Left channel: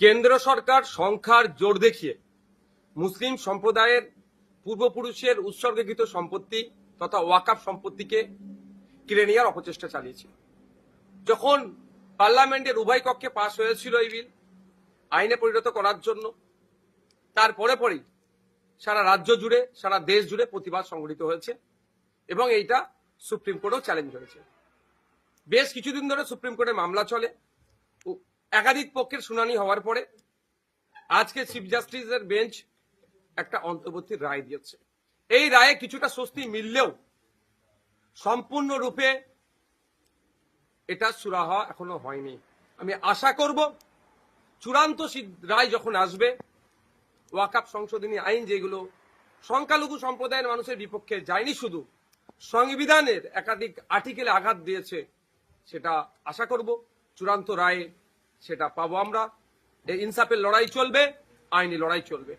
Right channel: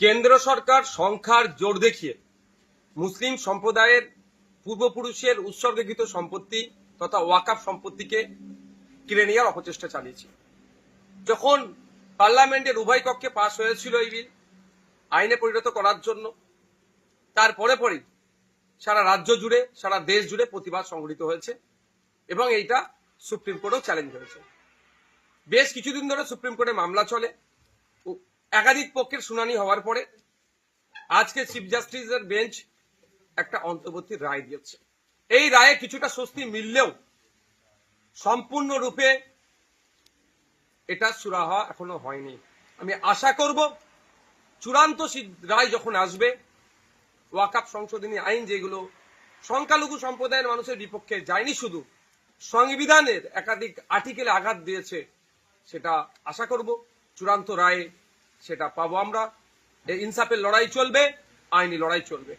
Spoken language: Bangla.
কেন্দ্র সরকার সংখ্যার জোর দেখিয়ে মুসলিম সম্প্রদায়ের পূর্বপুরুষের উৎসর্গীকৃত সম্পত্তি তথা ওয়াকাফ সম্পত্তিকে কিনে নেওয়ার অপচেষ্টা চালিয়েছে। যখন পার্লামেন্টের উভয় কক্ষে পাশ হয়েছিল এই বিল আইনে পরিণত করার জন্য, তারপরে পরেই সারা রাজ্য জুড়ে সারা দেশ জুড়ে প্রতিবাদ সংঘটিত হয়েছে এবং এইটা সুপ্রিম কোর্টেও চ্যালেঞ্জ হয়েছে। বেশ কিছুদিন ধরে সুপ্রিম কোর্টে মামলা চলে। একাধিক পক্ষের শুনানি হওয়ার পরে আজকে চিফ জাস্টিসের বেঞ্চ একটা অন্তর্বর্তী রায় দিয়েছে। এই রায়ে কিছুটা স্বস্তি মিললেও সম্পূর্ণরূপে এটা সুরাহা এখনো হয়নি। আমি আশা করব চূড়ান্ত রায় যখন আসবে, ওয়াকাফ সংশোধনী আইন যেগুলো সংখ্যালঘু সম্প্রদায়ের মানুষের বিপক্ষে যায়নি, শুধু সংবিধানের একাধিক আর্টিকেলে আঘাত দিয়েছে, সেটা আশা করব চূড়ান্ত রায়ে সেটা পাবো আমরা। এই ইনসাফের লড়াই চলবে, আইনি লড়াই চলবে।